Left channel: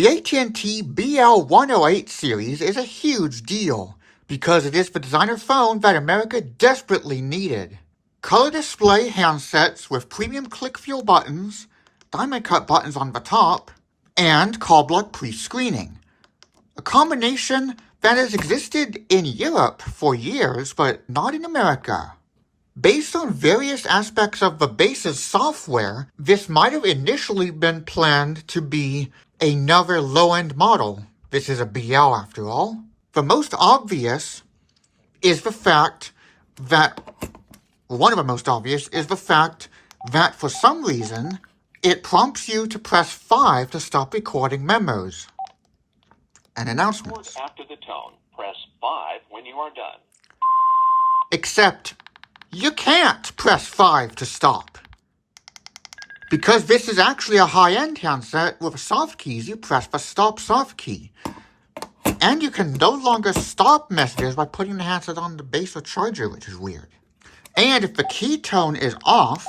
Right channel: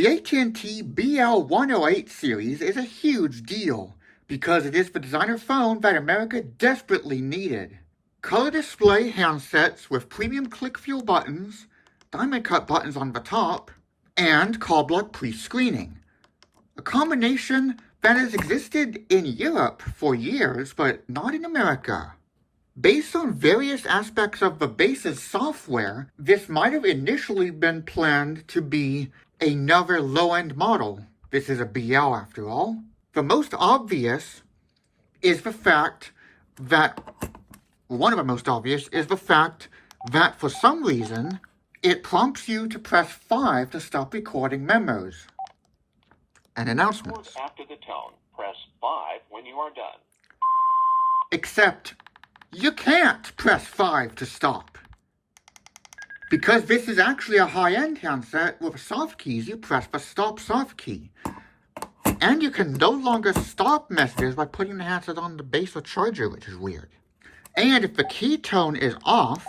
The AT&T BL108 series is a huge deal because it is the designer phone that America desperately needed. Color display handsets with premium click-feel buttons, diamond cut buttons on the top, and call block pre-screening. A combination that has existed in Europe for years, but not in America. Based on various aspects of the base's software, this might have initially been planned to be another low-end model. This is a BL after all. The most obvious is the fact that, one of the most obvious is the fact that for some reason, it prompts you to press 5 to stop recording memos and announcements. After the tone, press 5 when you are done. Except, you can't press 5 to stop. Because this is actually a high-end handset with soft keys, you press the stop soft key. And you can no longer stop messages by putting the handset on the base or charger, which is weird. And if the key tone is off,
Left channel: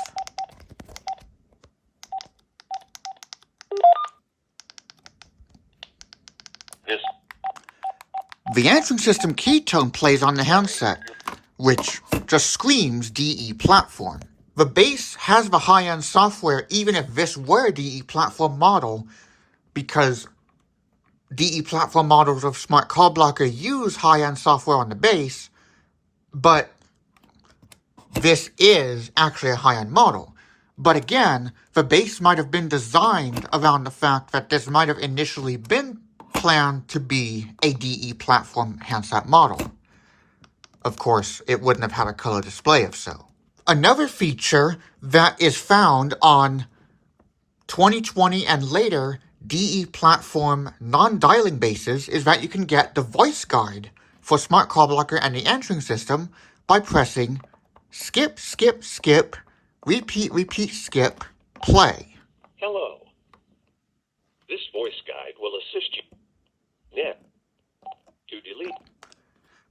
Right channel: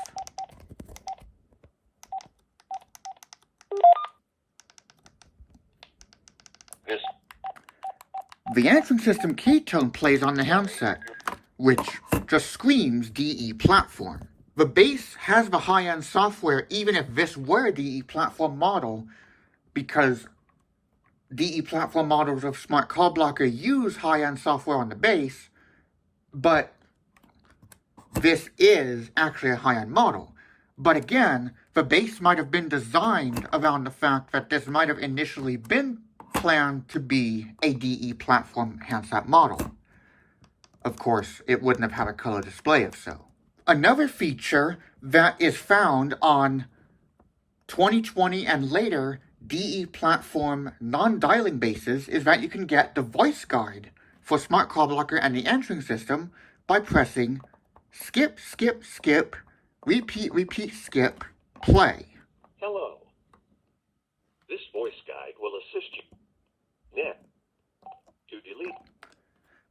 the answering system key tone plays on the handset, which just screams DE platform. The base has the high-end software even if this were a DE platform model, because DE platform models of Smart Call Blocker use high-end software on the base, but this is actually a high-end model. But again, the base might have been designed around the fact that this might have initially been planned to be a DE platform handset model. Of course, it wouldn't have had a color display if so. Another feature that is found on 2020 and later DE platform non-dialing bases is that you can get the voice guide for Smart Call Blocker and the answering system by pressing skip, skip, skip, repeat, repeat, skip, play. Hello. This voice guide will assist you. Net. To delete.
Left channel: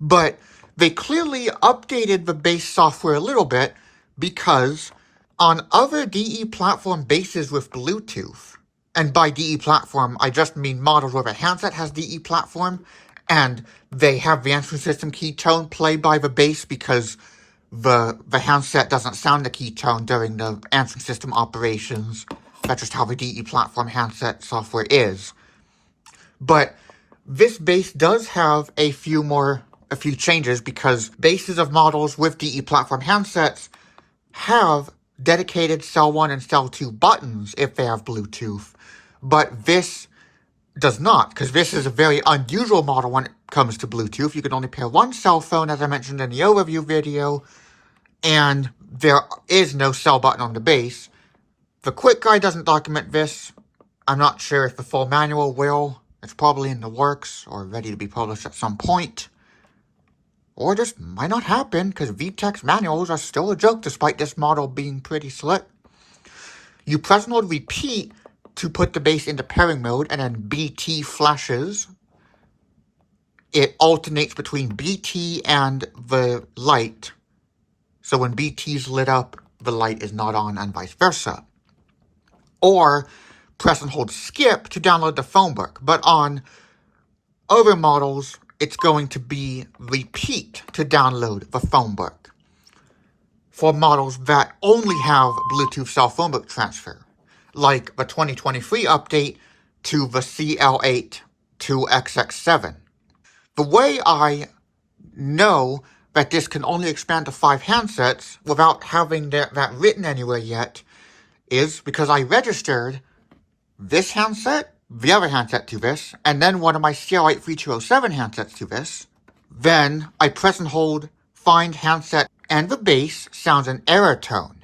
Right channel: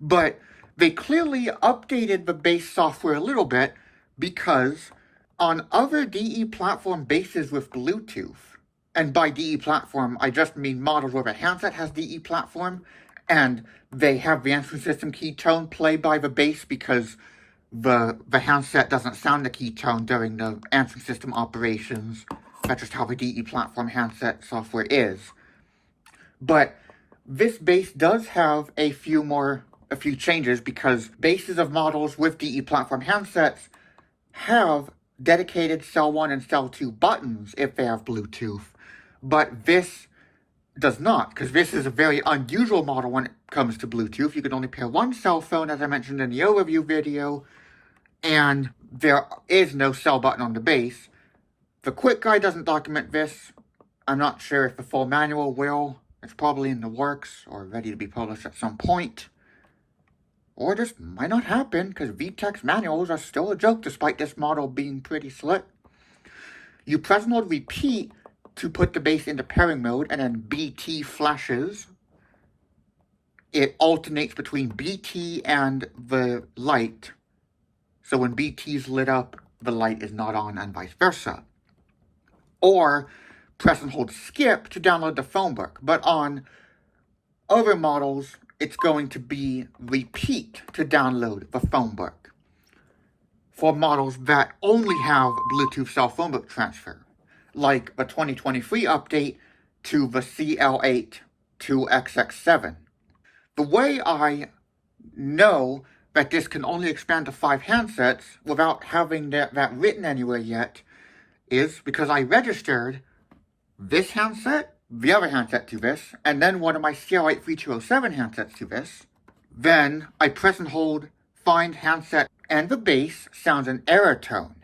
But they clearly updated the base software a little bit because on other DE platform bases with Bluetooth, and by DE platform, I just mean models where the handset has DE platform, and they have the answering system key tone play by the base because the handset doesn't sound the key tone during the answering system operations. That's just how the DE platform handset software is. But this base does have a few changes because bases of models with DE platform handsets have dedicated cell 1 and cell 2 buttons if they have Bluetooth, but this does not, because this is a very unusual model when it comes to Bluetooth. You can only pair one cell phone, as I mentioned in the overview video, and there is no cell button on the base. The quick guide doesn't document this. I'm not sure if the full manual will. It's probably in the works or ready to be published at some point. Or just might not happen, because VTech's manuals are still a joke despite this model being pretty slick. You press and hold repeat to put the base into pairing mode, and then BT flashes. It alternates between BT and the light. So when BT's lit up, the light is not on, and vice versa. Or press and hold skip to download the phone book. But on other models, it's going to be repeat to download the phone book for models that only have Bluetooth cell phone book transfer, like the 2023 update to the CL8 to XX7. The way I know that this can only expand to 5 handsets without having that written anywhere yet is because I registered this handset, the other handset to this, and then one of my CL8 3207 handsets to this. Then I press and hold find handset, and the base sounds an error tone,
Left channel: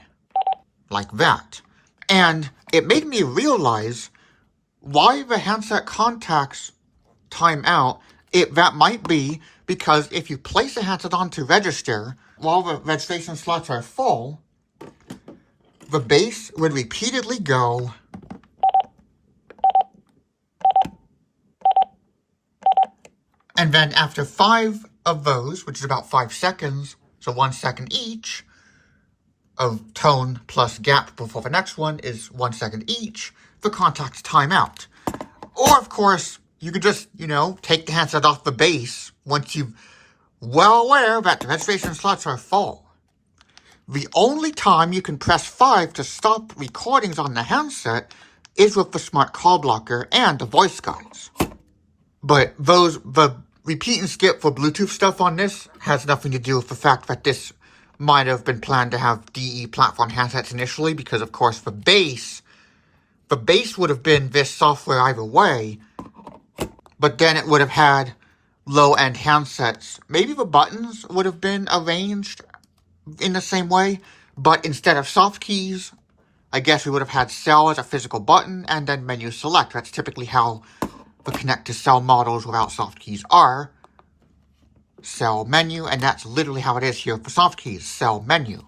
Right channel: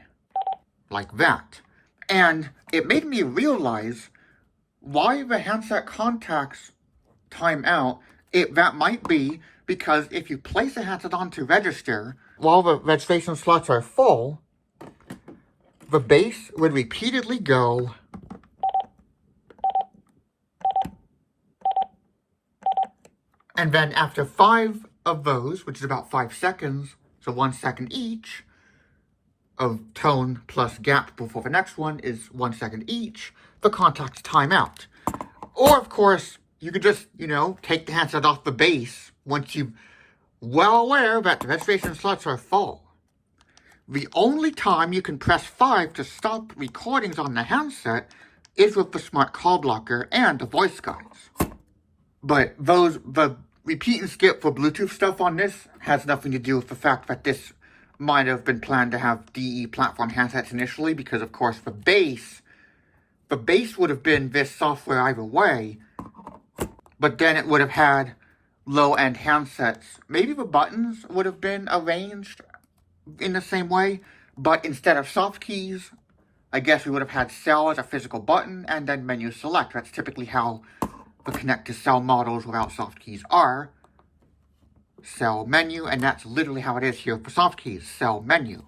like that. And it made me realize why the handset contacts time out. That might be because if you place a handset on to register while the registration slots are full, the base would repeatedly go and then after 5 of those, which is about 5 seconds, so 1 second each, of tone plus gap before the next one is 1 second each, the contacts time out. Or, of course, you could just, take the handset off the base once you're well aware that the registration slots are full. The only time you can press 5 to stop recordings on the handset is with the smart call blocker and the voice guides. But the repeat and skip for Bluetooth stuff on this has nothing to do with the fact that this might have been planned to have DE platform handsets initially, because of course the base would have been this software either way, but then it would have had low-end handsets. Maybe the buttons would have been arranged in the same way, but instead of soft keys, I guess we would have had cell as a physical button and then menu select. That's typically how the connect to cell models without soft keys are. Cell menu, and that's literally how it is here for soft keys, cell menu.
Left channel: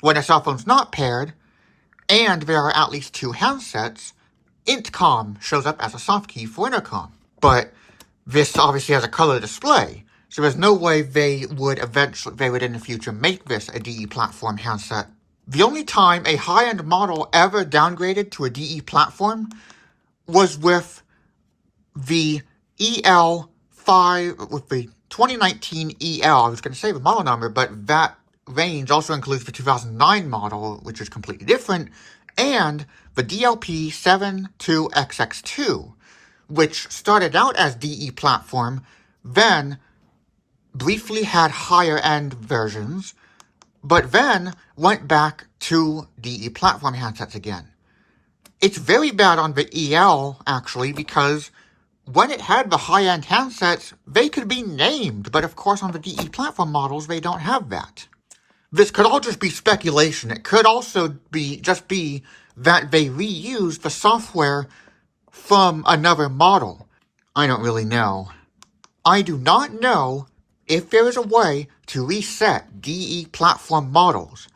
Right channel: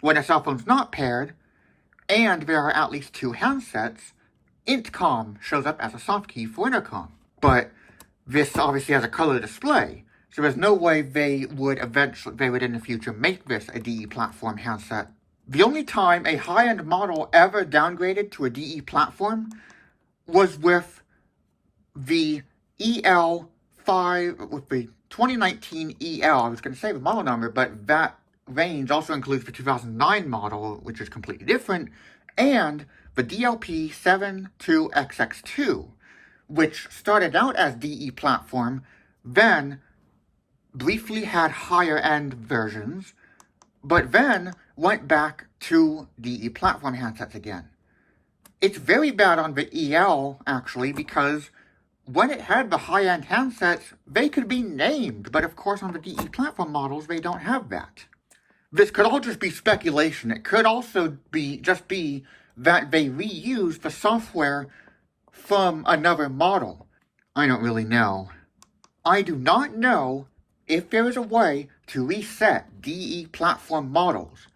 When a cell phone's not paired, and there are at least 2 handsets, intercom shows up as a soft key for intercom. But this obviously has a color display, so there's no way they would in the future make this a DE platform handset. The only time a high-end model ever downgraded to a DE platform was with the with the 2019 EL. I was going to say the model number, but that range also includes the 2009 model, which is completely different, and the DLP72XX2, which started out as DE platform, then briefly had higher end versions, but then went back to DE platform handsets again. It's very bad on the EL, actually, because when it had the high-end handsets, they could be named, but of course on the DE platform models, they don't have that. This could all just be speculation. It could also be that they reused the software from another model. I don't really know. I do not know if there is a way to reset DE platform models.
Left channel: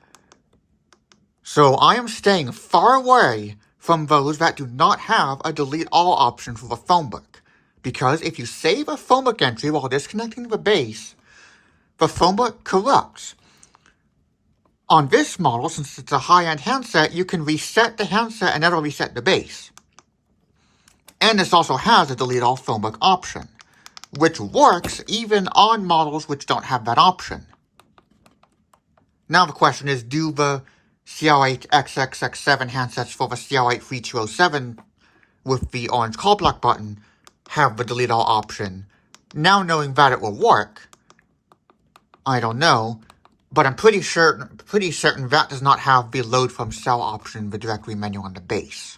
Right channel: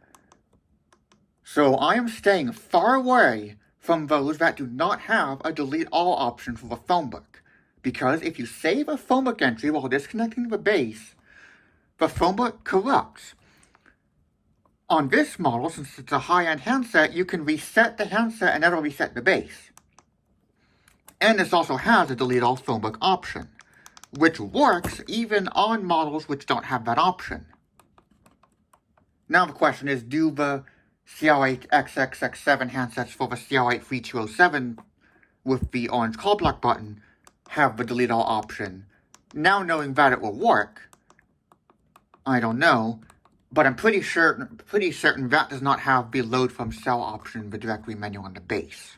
So I am staying far away from those that do not have a delete all option for the phone book. Because if you save a phone book entry while disconnecting the base, the phone book corrupts. On this model, since it's a high-end handset, you can reset the handset and that'll reset the base. And this also has a delete all phone book option, which works even on models which don't have that option. Now the question is, do the CL8 XXX7 handsets for the CL8 3207 with the orange call block button have the delete all option? Now knowing that it will work, I don't know, but I'm pretty certain that does not have the load from cell option in the directory menu on the base.